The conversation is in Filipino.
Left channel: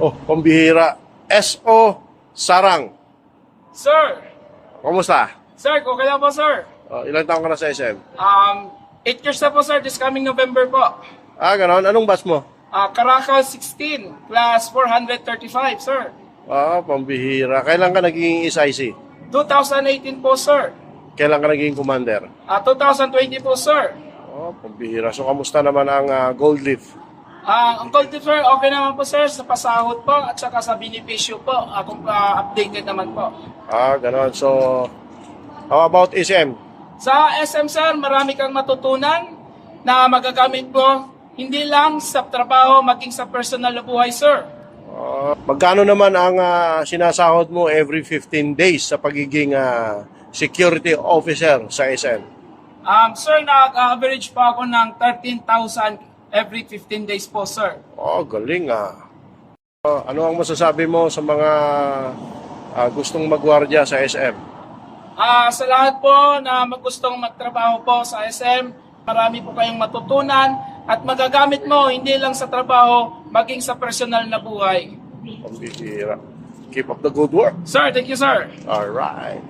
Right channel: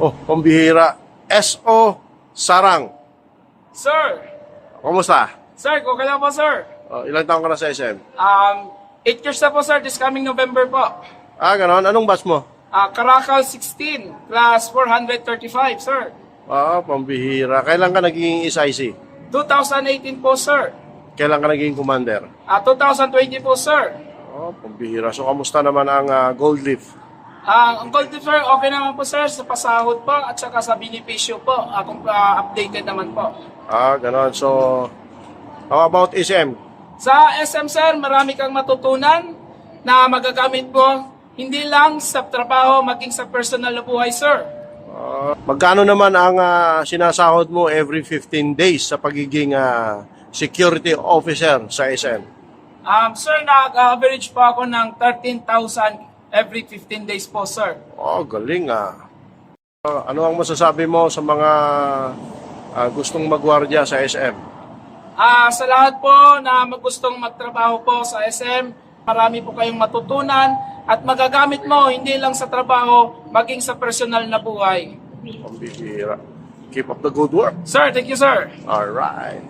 Oh, pambihira. S.O. Sarang. Sir! Kumusta? Sir, okay lang po, sir. Oh, ilang taon ka na sa SM? Um, 8 years na po, sir. This coming November po. Ah, ganon. Anong batch mo? Uh, Caracal 16 plus 435, sir. Ah, pambihira. Kailan ka naging SIC? 2018 po, sir. Kailan ka naging commander? Uh, 2020 po, sir. Oh, pambihira. So, kamusta naman ang ah, gold leaf? Ah, ang Sir, okay naman po, sir, sa pasahod po at saka sa benepisyo po. Ako ah, updated naman po. Ah, ganon. So, how about SM? Sa SM, sir, marami kang matutunan na magagamit mo hindi lang sa trabaho, maging sa personal na buhay, sir. Ah, magkano naman ang ah, sinasahod mo every 15 days sa pagiging ah, security officer sa SM? Um, sir, nag-average pa ako ng 13,000 every 15 days po, sir. Oh, galing ah. Ah, ano ang masasabi mo sa mga ah, gustong magwardya sa SM? Ah, sa lahat po na magustong magtrabaho po sa SM, marami po kayong matutunan at magagamit mo hindi lang sa trabaho, maging sa personal na buhay. Pambihira. Keep up the good work. Sir, thank you, sir. All right.